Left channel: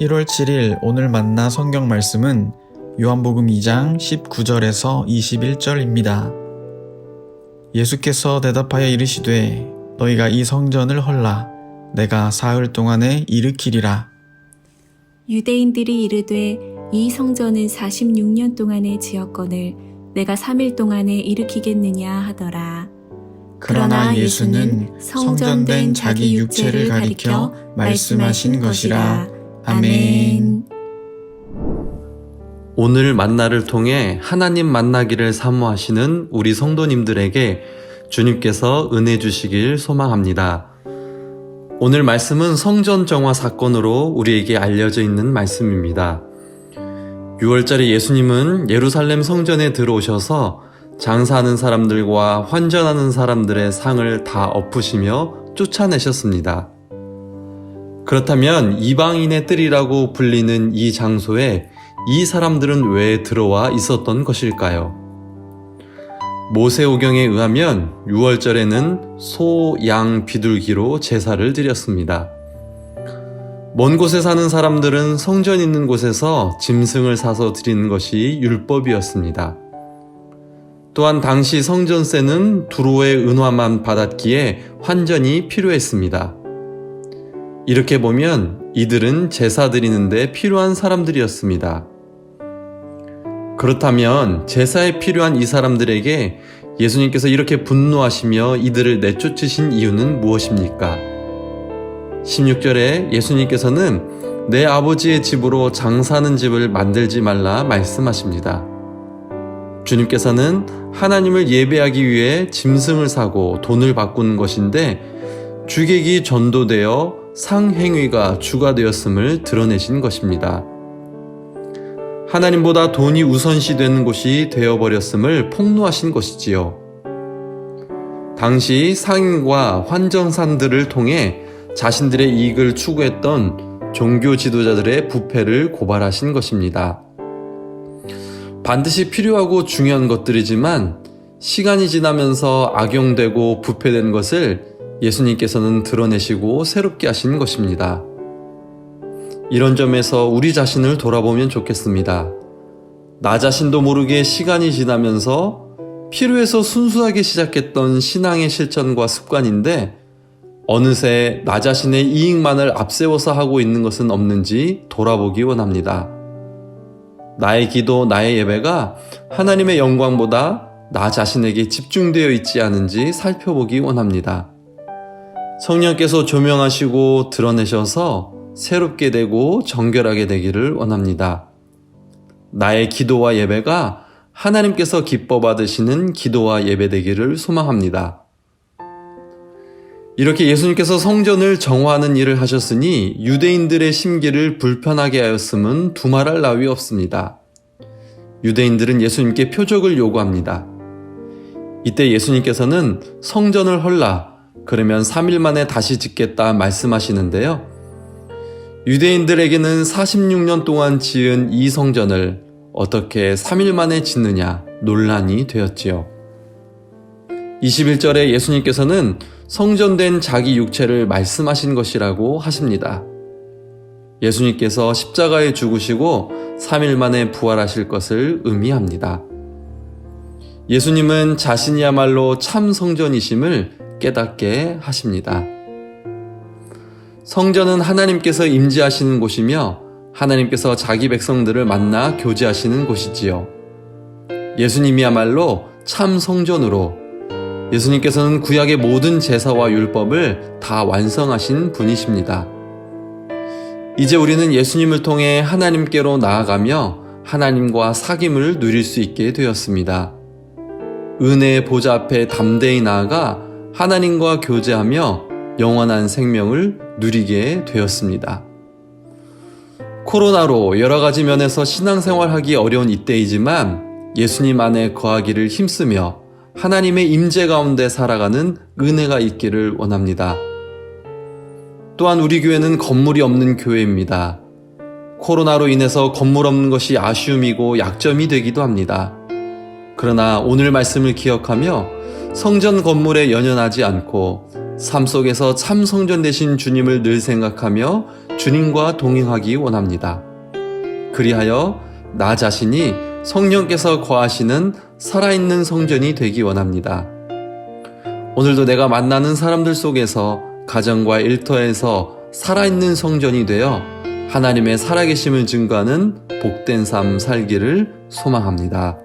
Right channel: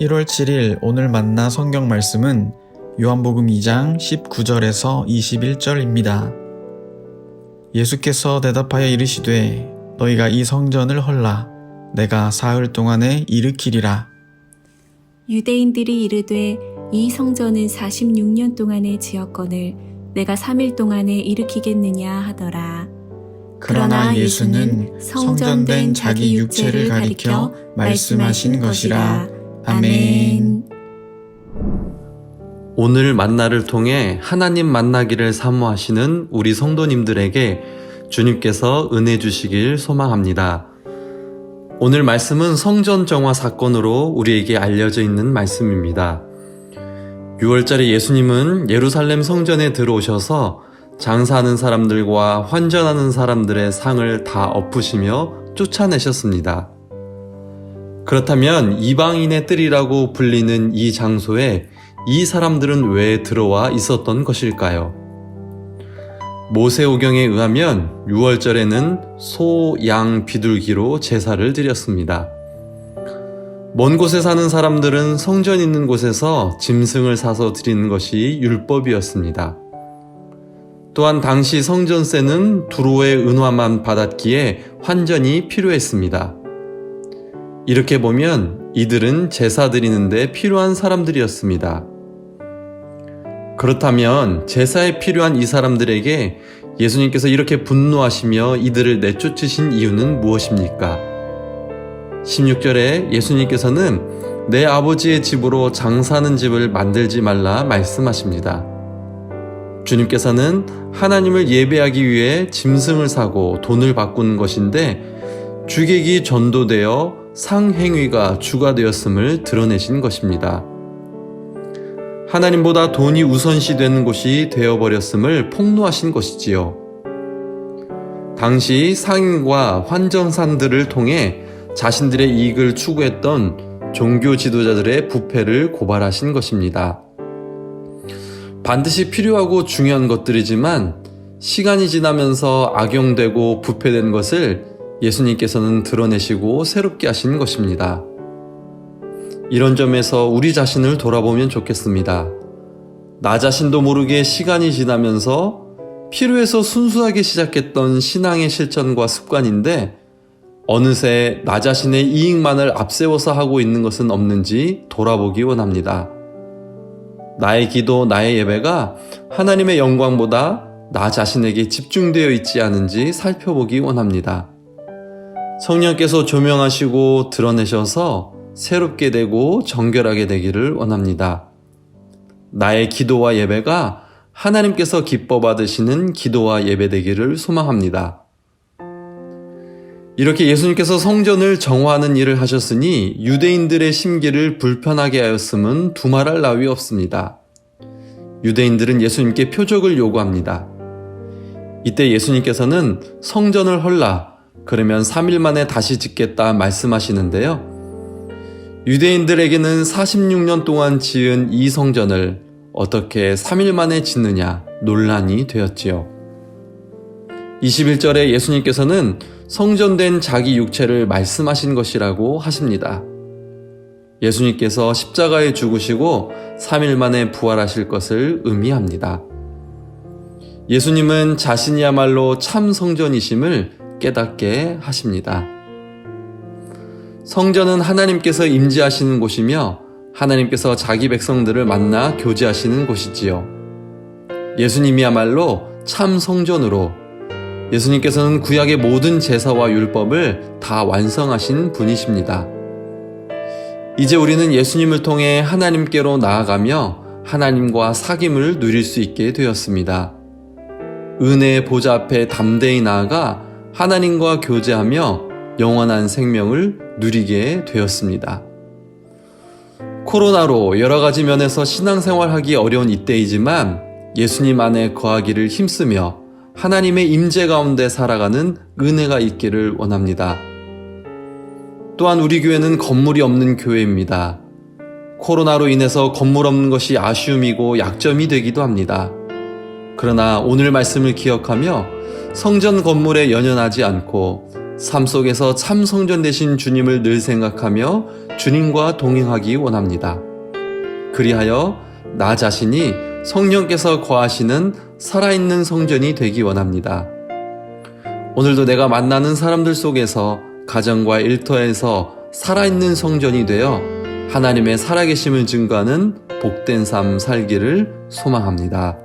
1월 7일 오늘 만나 성경 말씀은 요한복음 2장 19절에서 21절입니다. 예수께서 대답하여 이르시되 너희가 이 성전을 헐라 내가 사흘 동안에 일으키리라. 유대인들이 이르되 이 성전은 46년 동안에 지었거늘 내가 3일 동안에 일으키겠느냐 하더라. 그러나 예수는 성전된 자기 육체를 가리켜 말씀하신 것이라. 아멘. 오늘 만나를 통해 하나님 만나기를 사모하시는 우리 성도님들에게 주님께서 은혜 주시길 소망합니다. 오늘 말씀은 성전 정화 사건으로 우리에게 알려져 있는 말씀입니다. 6월절에 예수님은 예루살렘 성전에 들어오셔서 장사하는 사람들과 환전하는 사람들의 상을 다 엎으시며 쫓아내셨습니다. 그렇다면 이방인의 뜰이라고 불리는 이 장소에 이 사람들은 왜 들어와 있었던 것일까요? 모세오경에 의하면 6월절에는 소, 양, 비둘기로 제사를 드렸습니다. 먼 곳에 사는 사람들은 성전 있는 곳에서 짐승을 사서 드리는 것이 율법이었습니다. 또한 당시 성전세는 두로의 은화만 받았기에 환전이 필요했습니다. 이렇게 보면 이들은 제사 드리는데 필요한 사람들이었습니다. 그렇다면 제사에 필요한 이 사람들에게 예수님께서 이렇게 분노하시며 이들을 내쫓으신 이유는 무엇입니까? 16절에 예수님께서는 내 아버지의 집으로 장사하는 집을 만들지 말라 말씀하십니다. 주님께서는 하나님을 예배하기 위해 짐승을 사고 돈을 바꾸는 것인데 주객이 전도되어 상행위가 주가 되었음을 드러내신 것입니다. 하나님보다 돈이 우선시 되는 곳이 되어버렸음을 폭로하신 것이지요. 당시 상인과 환정산들을 통해 자신들의 이익을 추구했던 종교 지도자들의 부패를 고발하신 것입니다. 반드시 필요하고 중요한 것들이지만 시간이 지나면서 악용되고 부패된 것을 예수님께서는 드러내시고 새롭게 하신 것입니다. 이런 점에서 우리 자신을 돌아보면 좋겠습니다. 나 자신도 모르게 시간이 지나면서 필요해서 순수하게 시작했던 신앙의 실천과 습관인데 어느새 나 자신의 이익만을 앞세워서 하고 있는 것은 없는지 돌아보기 원합니다. 나의 기도, 나의 예배가 하나님의 영광보다 나 자신에게 집중되어 있지 않은지 살펴보기 원합니다. 성령께서 조명하시고 드러내셔서 새롭게 되고 정결하게 되기를 원합니다. 나의 기도와 예배가 하나님께서 기뻐 받으시는 기도와 예배 되기를 소망합니다. 이렇게 예수님께서 성전을 정화하는 일을 하셨으니 유대인들의 심기를 불편하게 하였음은 두말할 나위 없습니다. 유대인들은 예수님께 표적을 요구합니다. 이때 예수님께서는 성전을 헐라, 그러면 3일 만에 다시 짓겠다 말씀하시는데요. 유대인들에게는 46년 동안 지은 이 성전을 어떻게 3일 만에 짓느냐 논란이 되었지요. 21절에 예수님께서는 성전된 자기 육체를 말씀하신 것이라고 하십니다. 예수님께서 십자가에 죽으시고 3일 만에 부활하실 것을 의미합니다. 예수님은 자신이야말로 참 성전이심을 깨닫게 하십니다. 성전은 하나님께서 임재하시는 곳이며 하나님께서 자기 백성들을 만나 교제하시는 곳이지요. 예수님이야말로 참 성전으로 예수님께서는 구약의 모든 제사와 율법을 다 완성하신 분이십니다. 이제 우리는 예수님을 통해 하나님께로 나아가며 하나님과 사귐을 누릴 수 있게 되었습니다. 은혜의 보좌 앞에 담대히 나아가 하나님과 교제하며 영원한 생명을 누리게 되었습니다. 코로나로 여러 가지 면에서 신앙생활하기 어려운 이때이지만 예수님 안에 거하기를 힘쓰며 하나님의 임재 가운데 살아가는 은혜가 있기를 원합니다. 또한 우리 교회는 건물이 없는 교회입니다. 코로나로 인해서 건물 없는 것이 아쉬움이고 약점이 되기도 합니다. 그러나 오늘 말씀을 기억하며 성전 건물에 연연하지 않고 삶 속에서 참 성전 되신 주님을 늘 생각하며 주님과 동행하기 원합니다. 그리하여 나 자신이 성령께서 거하시는 살아있는 성전이 되기 원합니다. 오늘도 내가 만나는 사람들 속에서 가정과 일터에서 살아있는 성전이 되어 하나님의 살아계심을 증거하는 복된 삶 살기를 소망합니다.